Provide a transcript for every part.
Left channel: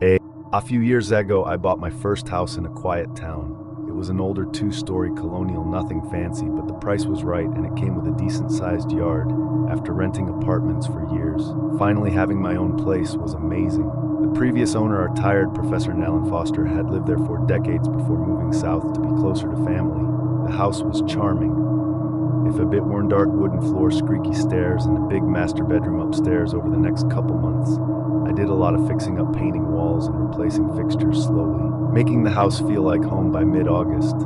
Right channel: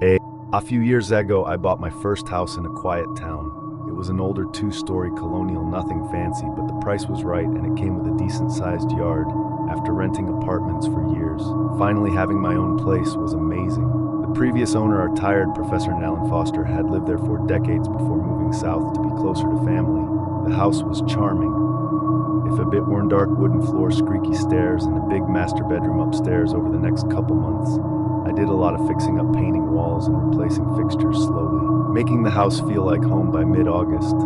A few years ago, I bought my first house in a quiet town. It was an older two-story colonial, nothing fancy, but the price was right and it came with a decent-sized yard. After renting apartments for years, finally having my own place was amazing. The previous owner, our tired Professor Alan Foster, had lived there for decades before moving south to be closer to family. The house was charming. If a bit worn, dark wooden floor, squeaky stairs, and a big master bedroom upstairs. Over the next couple months, I did a lot of fixing up, painting walls and replacing fixtures slowly, making the house feel like home. By mid-August,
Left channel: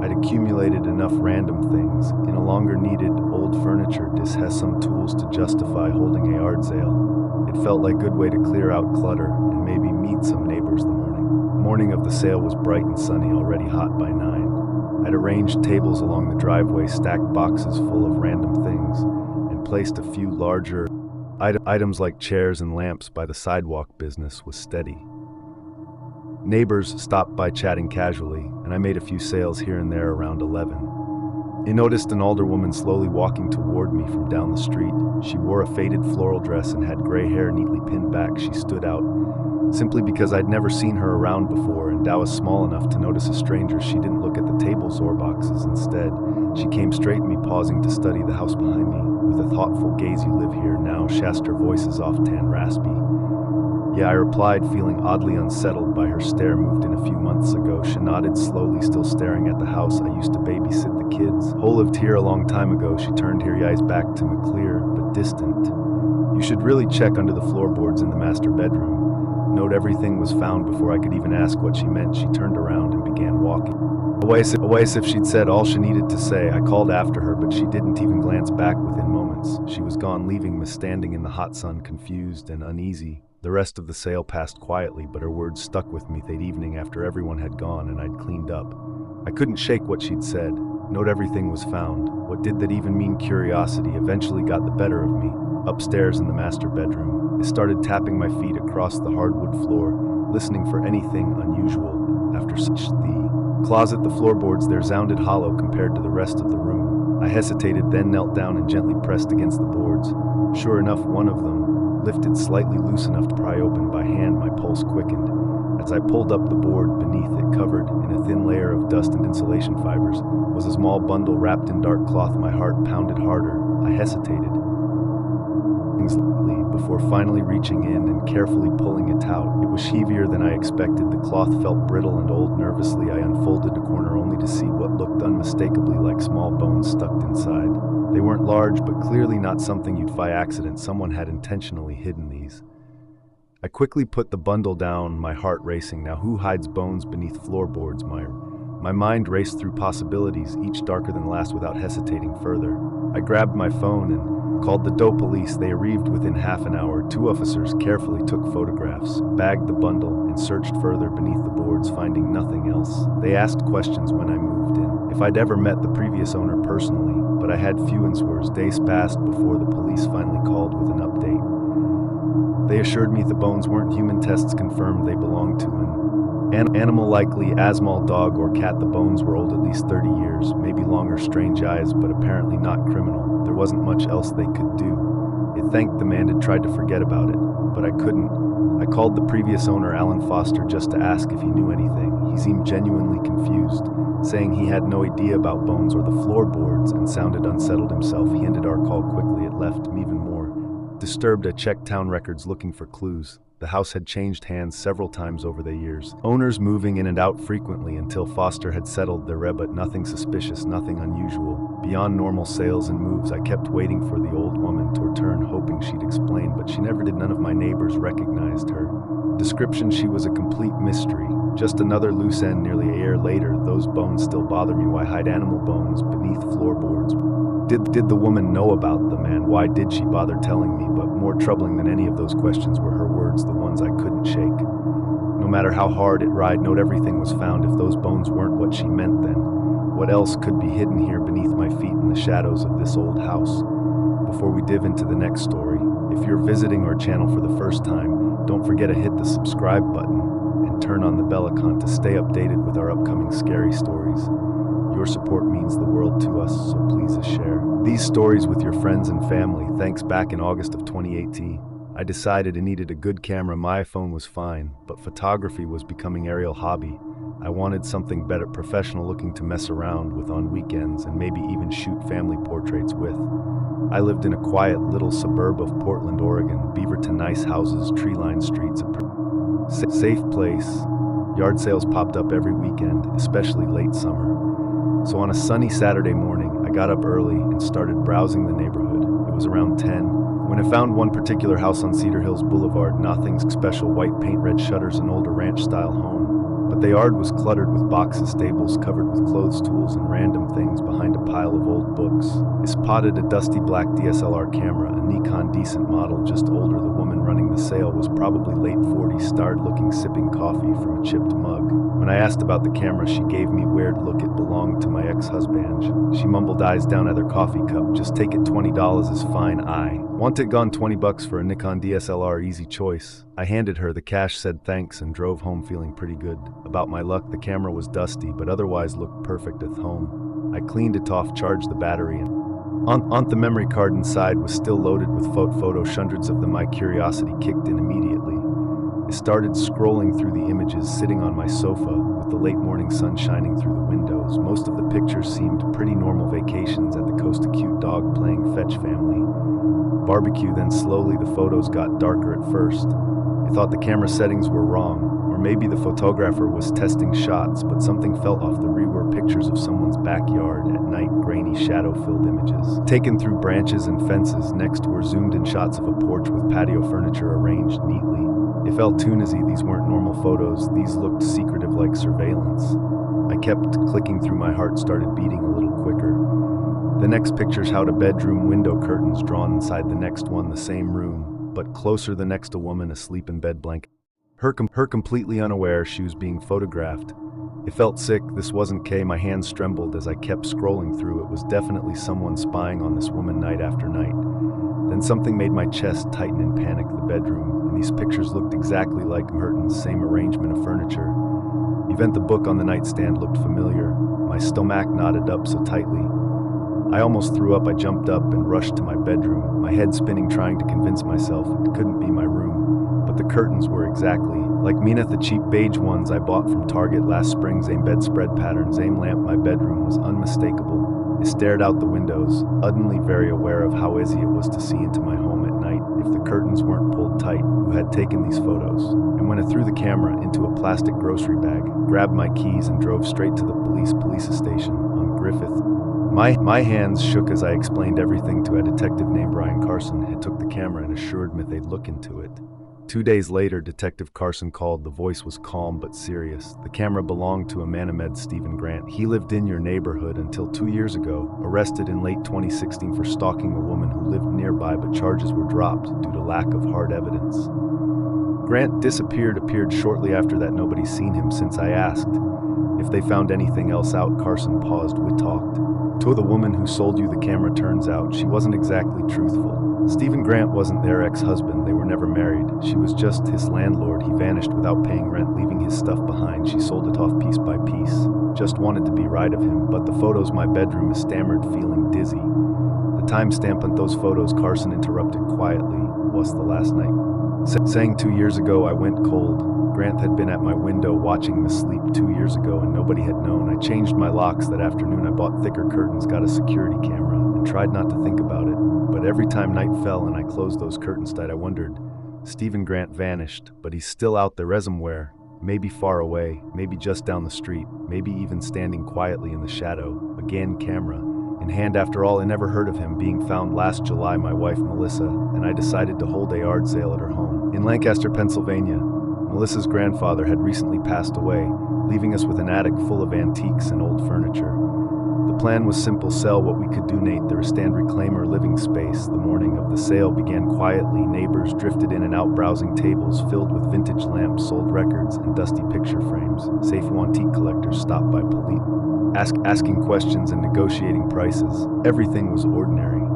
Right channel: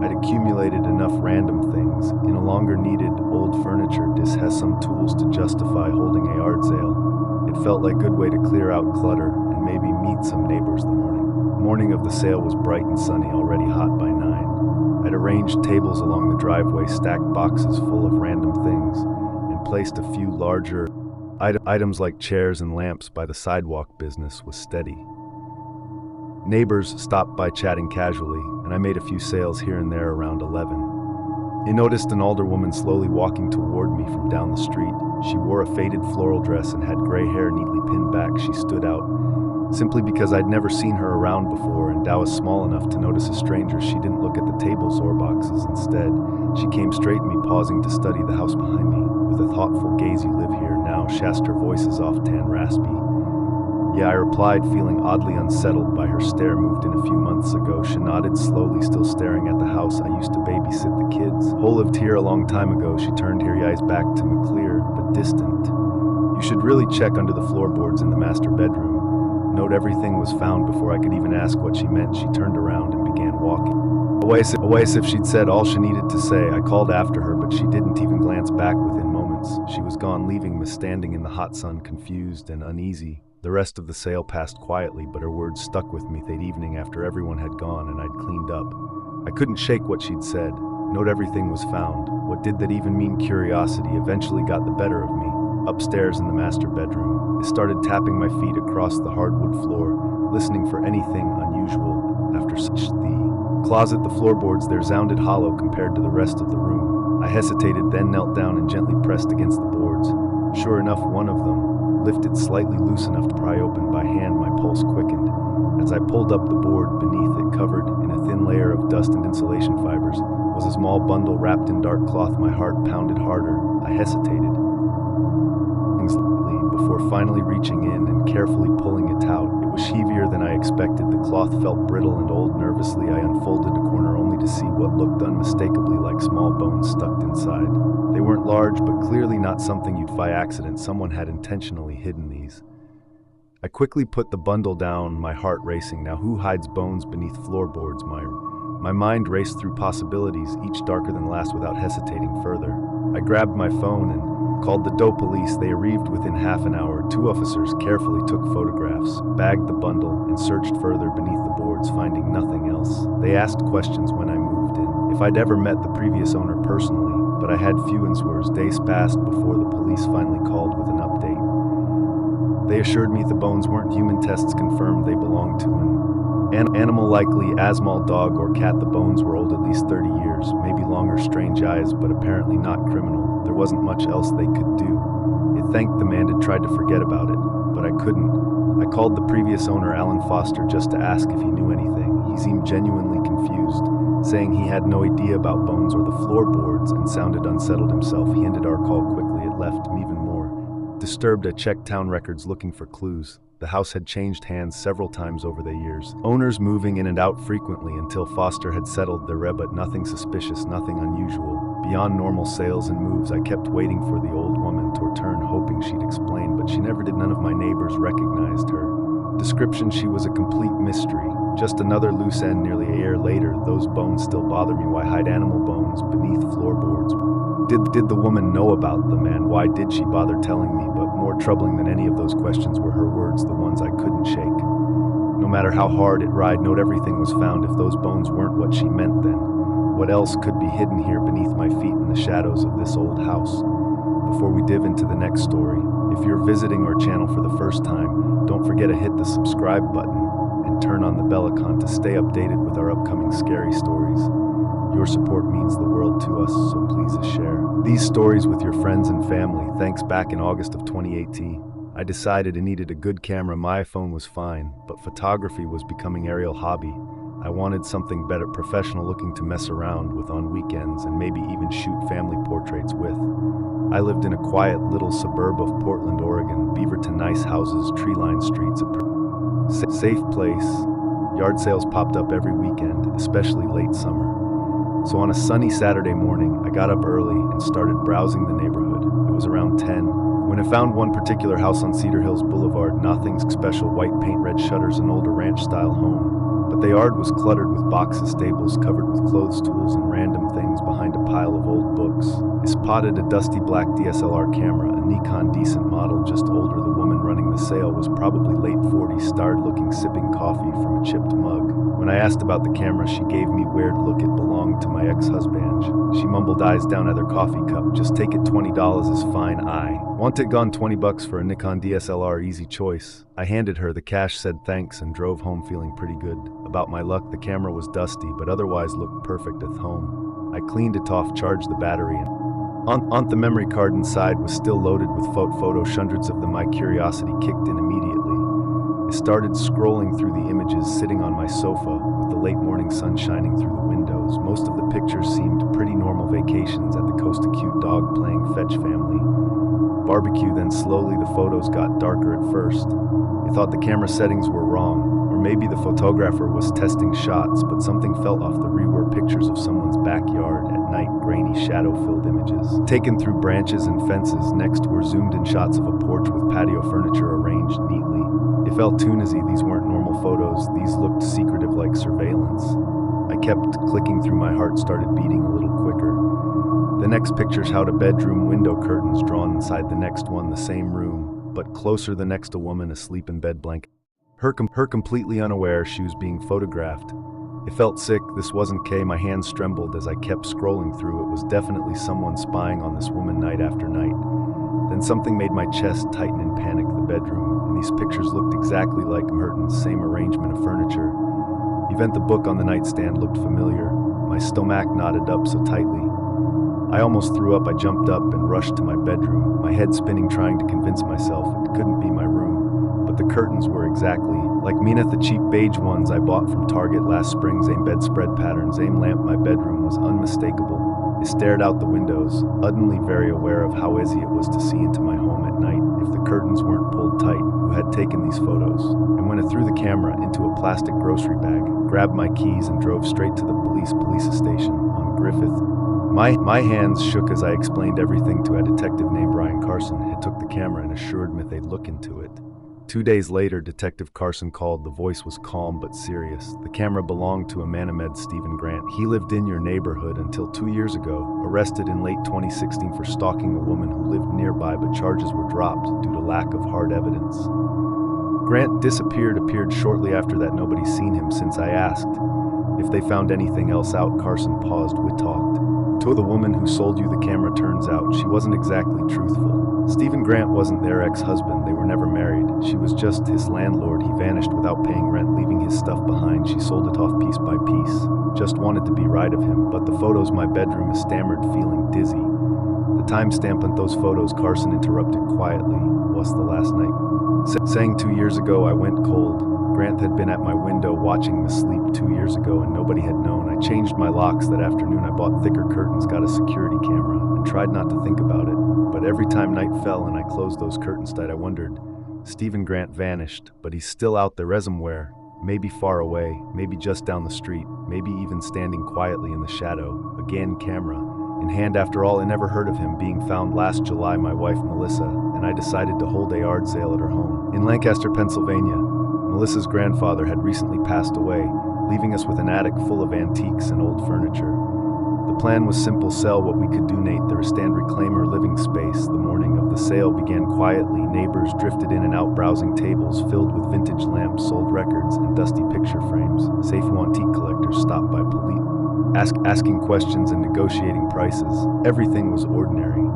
I'd accumulated enough random things, in a longer needed old furniture. This has some tools to justify holding a yard sale. It felt like a good way to clear out clutter and maybe meet some neighbors. The morning of the sale was bright and sunny, already hot by 9. I'd arranged tables along the driveway, stacked boxes full of random things, and placed a few larger items like chairs and lamps by the sidewalk. Business was steady. Neighbors stopped by chatting casually, and I made a few sales here and there. Around 11, I noticed an older woman slowly walking toward me from down the street. She wore a faded floral dress and had gray hair neatly pinned back. She stood out simply because I'd never seen her around before, and I was small enough to notice a stranger. She didn't look at the tables or boxes. Instead, she came straight at me, pausing to study the house behind me. With a thoughtful gaze, "You live here now?" Her voice is often raspy. "Yeah," I replied, feeling oddly unsettled by her stare. "Moved in a few months ago." She nodded slowly, still staring at the house. "I used to babysit the kids. Whole lived here a long time ago." She turned her eyes back to me, clear but distant. "You should really check under the floorboards in the master bedroom. Note everything was found." Before I could even ask what she meant, she turned around and began walking away as if she'd said all she needed to say. I called after her, but she didn't even glance back. Within moments, she was gone, leaving me standing in the hot sun, confused and uneasy. The rest of the sale passed quietly, but her words stuck with me. That evening, after everyone had gone and I'd cleaned up, I couldn't shake what she'd said. Note everything was found. What did that even mean? Curiosity eventually got the better of me. Upstairs in the master bedroom, I started tapping my feet across the hardwood floor, listening for anything unusual. After such, the closet, the floorboards there sounded hollow compared to the rest of the room. I hesitated, then knelt down and gently pressed against the boards. Sure enough, one of them lifted slightly, loose enough to pry open by hand. My pulse quickened. As I pulled up, the board beneath it, covered in a thin layer of dust and insulation fibers, was a small bundle wrapped in dark cloth. My heart pounded harder. I hesitated before finally reaching in and carefully pulling it out. It was heavier than I expected. The cloth felt brittle and old. Nervously, I unfolded a corner, only to see what looked unmistakably like small bones stuck inside. They weren't large, but clearly not something you'd find by accident. Someone had intentionally hidden these. I quickly put the bundle down, my heart racing. Now, who hides bones beneath floorboards? My mind raced through possibilities, each darker than the last. Without hesitating further, I grabbed my phone and called the DOE police. They arrived within half an hour. 2 officers carefully took photographs, bagged the bundle, and searched further beneath the boards, finding nothing else. They asked questions when I moved in, if I'd ever met the previous owner personally, but I had few answers. Days passed before the police finally called with an update. They assured me the bones weren't human. Tests confirmed they belonged to an animal, likely a small dog or cat. The bones were old, at least 30 years, maybe longer. Strange eyes, but apparently not criminal. There wasn't much else they could do. It thanked the man had tried to forget about it, but I couldn't. I called the previous owner, Alan Foster, just to ask if he knew anything. He seemed genuinely confused, saying he had no idea about bones or the floorboards, and sounded unsettled himself. He ended our call quickly. It left me even more disturbed. I checked town records looking for clues. The house had changed hands several times over the years, owners moving in and out frequently until Foster had settled there, but nothing suspicious, nothing unusual. Beyond normal sales and moves, I kept waiting for the old woman to return, hoping she'd explain, but she never did. None of my neighbors recognized her description. She was a complete mystery, just another loose end. Nearly a year later, those bones still bother me. Why hide animal bones beneath floorboards? Did the woman know about them, and why did she bother telling me? But more troubling than any of those questions were her words, the ones I couldn't shake. No matter how hard it tried, note everything was found. If those bones weren't what she meant, then what else could be hidden here beneath my feet in the shadows of this old house? Before we dive into the next story, if you're visiting our channel for the first time, don't forget to hit the subscribe button and turn on the bell icon to stay updated with our upcoming scary stories. Your support means the world to us, so please share these stories with your friends and family. Thanks. Back in August of 2018, I decided I needed a good camera. My iPhone was fine, but photography was becoming a real hobby. I wanted something better, professional looking to mess around with on weekends and maybe even shoot family portraits with. I lived in a quiet little suburb of Portland, Oregon. Beaverton, nice houses, tree-lined streets, a safe place. Yard sales popped up every weekend, especially late summer. So on a sunny Saturday morning, I got up early and started browsing the neighborhood. It was around 10 when I found one particular house on Cedar Hills Boulevard. Nothing special, white paint, red shutters, an older ranch-style home. But the yard was cluttered with boxes, stables covered with clothes, tools, and random things behind a pile of old books. I spotted a dusty black DSLR camera, a Nikon decent model, just older. The woman running the sale was probably late 40s, starred-looking, sipping coffee from a chipped mug. When I asked about the camera, she gave me a weird look. It belonged to my ex-husband. She mumbled, eyes down at her coffee cup. Just take it, $20 is fine. I want it gone. $20 for a Nikon DSLR, easy choice. I handed her the cash, said thanks, and drove home feeling pretty good about my luck. The camera was dusty, but otherwise looked perfect at home. I cleaned it off, charged the battery, and on the memory card inside was still loaded with photos, hundreds of them. My curiosity kicked in immediately. I started scrolling through the images, sitting on my sofa with the late morning sun shining through the windows. Most of the pictures seemed pretty normal vacations at the coast, a cute dog playing fetch, family barbecue. Then slowly the photos got darker. At first I thought the camera settings were wrong, or maybe the photographer was testing shots, but something felt off. The were pictures of someone's backyard at night, grainy, shadow-filled images taken through branches and fences. Next were zoomed-in shots of a porch with patio furniture arranged neatly. It felt too noisy. These weren't normal photos. These looked secretive, like surveillance. I kept clicking through. My heart started beating a little quicker. The next pictures had a bedroom, window curtains drawn inside. The next one, the same room, but closer. The next, a woman asleep in bed, blanket. Her completely unaware she was being photographed. It felt sick. This wasn't Kay. My hands trembled as I kept scrolling through. It was definitely someone spying on this woman night after night. Then something made my chest tighten in panic. The bedroom, and these pictures looked exactly like Merton's. Same arrangement of furniture. Even the book on the nightstand looked familiar. My stomach knotted up so tightly I almost threw up. I jumped up and rushed to my bedroom, my head spinning, trying to convince myself it couldn't be my room. But the curtains were exactly like Mina, the cheap beige ones I bought from Target last spring. Same bedspread pattern, same lamp. My bedroom was unmistakable. I stared out the windows, suddenly very aware of how easy it was to see into my home at night if the curtains weren't pulled tight. Who had taken these photos? And when I threw the camera into a plastic grocery bag, grabbed my keys, and drove straight to the police station on Griffith. My hands shook as I explained everything to a detective named Brian Carson. He took the camera and assured me they'd look into it. 2 days later, Detective Carson called. The voice was calm but serious. The camera belonged to a man named Stephen Grant. He lived in your neighborhood until 2 years ago, arrested in late 2016 for stalking a woman who lived nearby, but charges were dropped due to lack of hard evidence. Grant appeared shortly after that. Nobody's seen him since. I asked if they found anything else out. Carson paused. We talked to the woman who sold you the camera. Turns out she wasn't exactly truthful. Stephen Grant wasn't their ex-husband. They were never married. She was just his landlord. He vanished without paying rent, leaving his stuff behind. She sold it off piece by piece. Just wanted to be right of him. But the photos, my bedroom, is stammered, feeling dizzy. The timestamp on those photos, Carson interrupted quietly, was the last night. Saying 2 years ago I went cold. Grant had been at my window watching me sleep 2 years ago and nobody had known. I changed my locks that afternoon. I bought thicker curtains, got a security camera, and tried not to think about it. But every time night fell and I closed those curtains tight, I wondered. Stephen Grant vanished, but he's still out there somewhere. Maybe far away, maybe just down the street, maybe even standing quietly in the shadow. Again, camera in hand. After all, I never heard of him being found. Last July, my wife Melissa and I decided to hold a yard sale at her home in Lancaster, Pennsylvania. Melissa's grandfather had recently passed away, leaving us with an attic full of antiques and old furniture. The plan was simple: sell what we could donate the rest and reclaim our living space. The morning of the sale began quietly. Neighbors drifted in and out, browsing tables filled with vintage lamps, sold records, and dusty picture frames. Safe antique collectors stopped by, asking questions and negotiating prices. Everything was ordinary,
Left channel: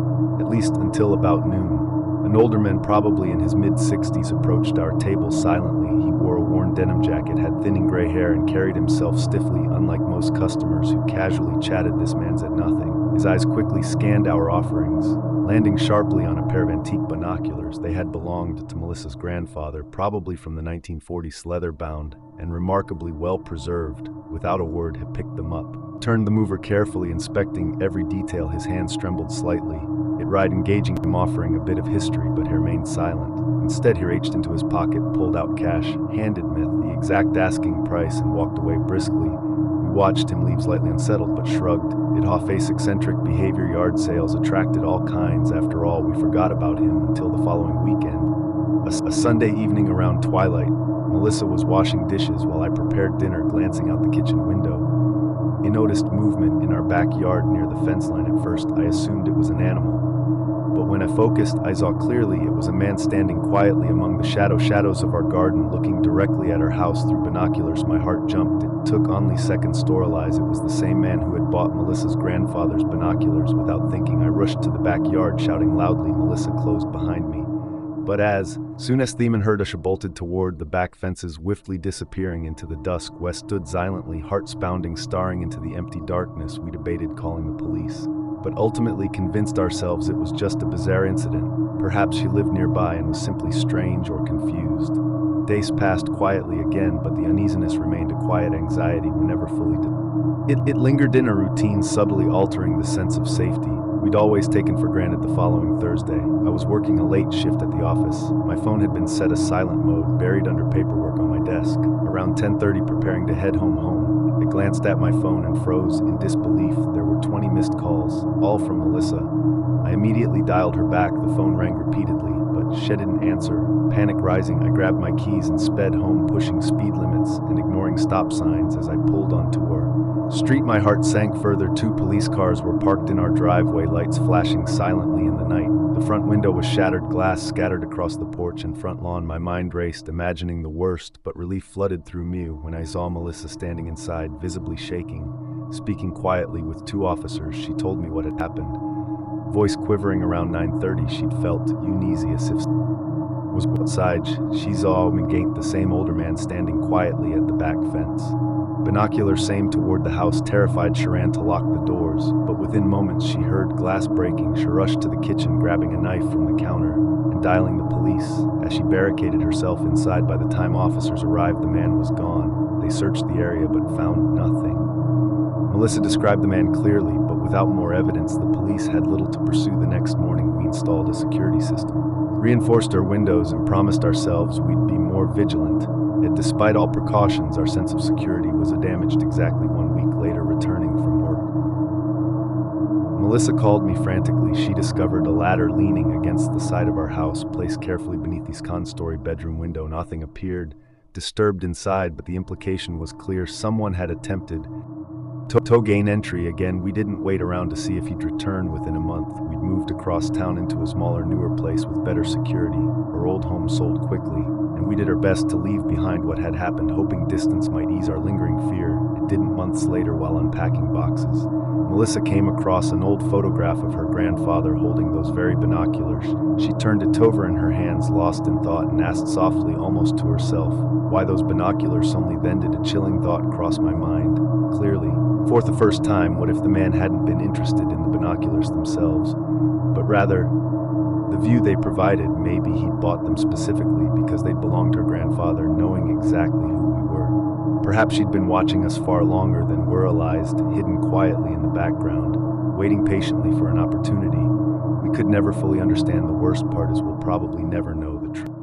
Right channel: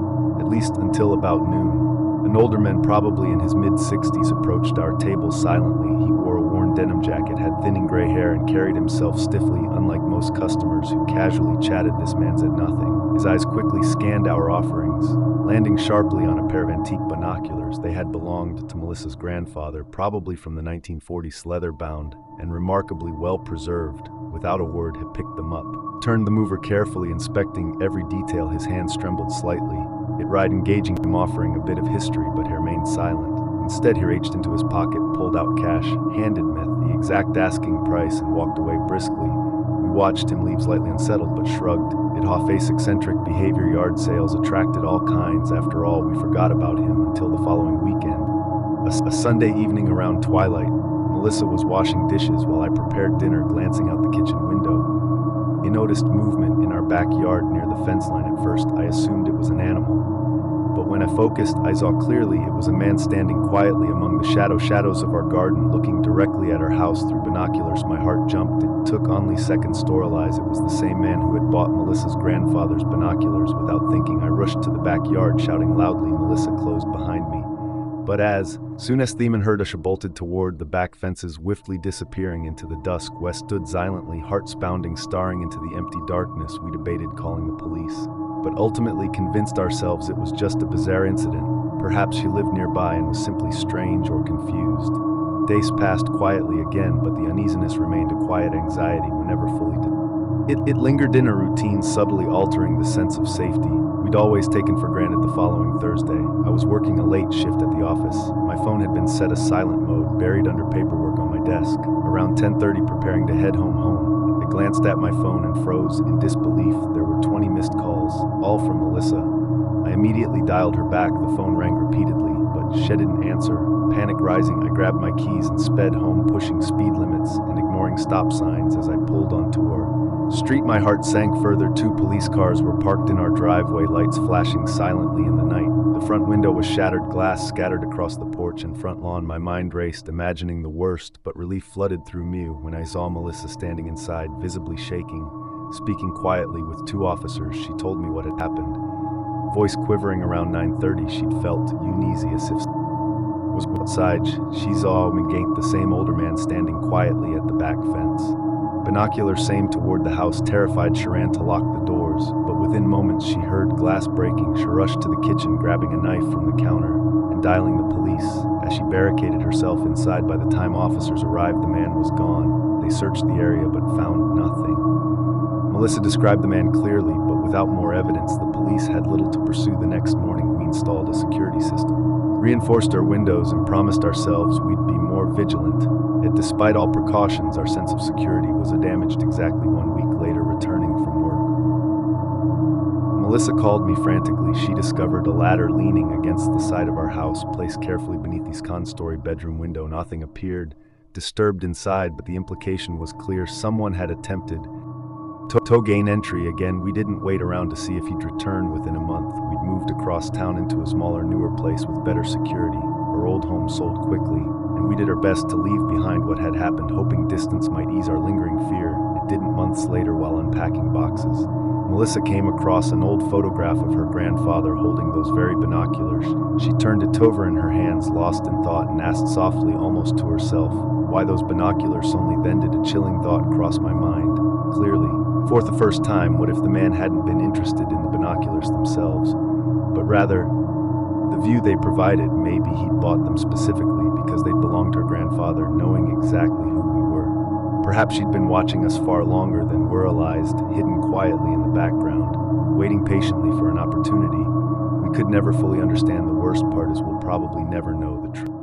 at least until about noon. An older man, probably in his mid-60s, approached our table silently. He wore a worn denim jacket, had thinning gray hair, and carried himself stiffly. Unlike most customers who casually chatted, this man said nothing. His eyes quickly scanned our offerings. landing sharply on a pair of antique binoculars. They had belonged to Melissa's grandfather, probably from the 1940s, leather-bound and remarkably well-preserved. Without a word, had picked them up. Turned them over carefully, inspecting every detail. His hands trembled slightly. It right engaging him, offering a bit of history, but he remained silent. Instead, he reached into his pocket, pulled out cash, handed Myth the exact asking price, and walked away briskly. We watched him leave, slightly unsettled, but shrugged. Face eccentric behavior, yard sales attracted all kinds. After all, we forgot about him until the following weekend. A Sunday evening around twilight, Melissa was washing dishes while I prepared dinner. Glancing out the kitchen window, I noticed movement in our backyard near the fence line. At first, I assumed it was an animal, but when I focused, I saw clearly it was a man standing quietly among the shadows of our garden, looking directly at our house through binoculars. My heart jumped. It took only seconds to realize it was the same man who had bought Melissa's grandfather's binoculars. Without thinking, I rushed to the backyard, shouting loudly. Melissa closed behind me. But as soon as Thiemann heard us, she bolted toward the back fences, swiftly disappearing into the dusk. Wes stood silently, hearts pounding, staring into the empty darkness. We debated calling the police, but ultimately convinced ourselves it was just a bizarre incident. Perhaps she lived nearby and was simply strange or confused. Days passed quietly again, but the uneasiness remained, a quiet anxiety whenever fully It lingered in a routine, subtly altering the sense of safety we'd always taken for granted. The following Thursday, I was working a late shift at the office. My phone had been set as silent mode, buried under paperwork on my desk. Around 10:30, preparing to head home, I glanced at my phone and froze in disbelief. There were 20 missed calls, all from Melissa. I immediately dialed her back. The phone rang repeatedly, but she didn't answer. Panic rising, I grabbed my keys and sped home, pushing speed limits and ignoring stop signs. As I pulled onto her street, my heart sank further. 2 police cars were parked in our driveway, lights flashing silently in the night. The front window was shattered, glass scattered across the porch and front lawn. My mind raced, imagining the worst, but relief flooded through me when I saw Melissa standing inside, visibly shaking, speaking quietly with 2 officers. She told me what had happened. Voice quivering. Around 9:30, she'd felt uneasy, as if was outside. She saw Megate, the same older man, standing quietly at the back fence. Binoculars same toward the house. Terrified, she ran to lock the doors, but within moments she heard glass breaking. She rushed to the kitchen, grabbing a knife from the counter and dialing the police. As she barricaded herself inside, by the time officers arrived, the man was gone. They searched the area but found nothing. Melissa described the man clearly, but without more evidence, the police had little to pursue. The next morning, we installed a security system, reinforced our windows, and promised ourselves we'd be more vigilant. Yet despite all precautions, our sense of security was damaged. Exactly 1 week later, returning from work, Melissa called me frantically. She discovered a ladder leaning against the side of our house, placed carefully beneath the second-story bedroom window. Nothing appeared disturbed inside, but the implication was clear. Someone had attempted to gain entry. Again, we didn't wait around to see if he'd return. Within a month, we'd moved across town into a smaller, newer place with better security. Our old home sold quickly, and we did our best to leave behind what had happened, hoping distance might ease our lingering fear. It didn't. Months later, while unpacking boxes, Melissa came across an old photograph of her grandfather holding those very binoculars. She turned it over in her hands, lost in thought, and asked softly, almost to herself, why those binoculars. Only then did a chilling thought cross my mind, clearly. For the first time, what if the man hadn't been interested in the binoculars themselves, but rather the view they provided? Maybe he'd bought them specifically because they'd belonged to her grandfather, knowing exactly who we were. Perhaps she'd been watching us far longer than we realized, hidden quietly in the background, waiting patiently for an opportunity. We could never fully understand. The worst part is we'll probably never know the truth.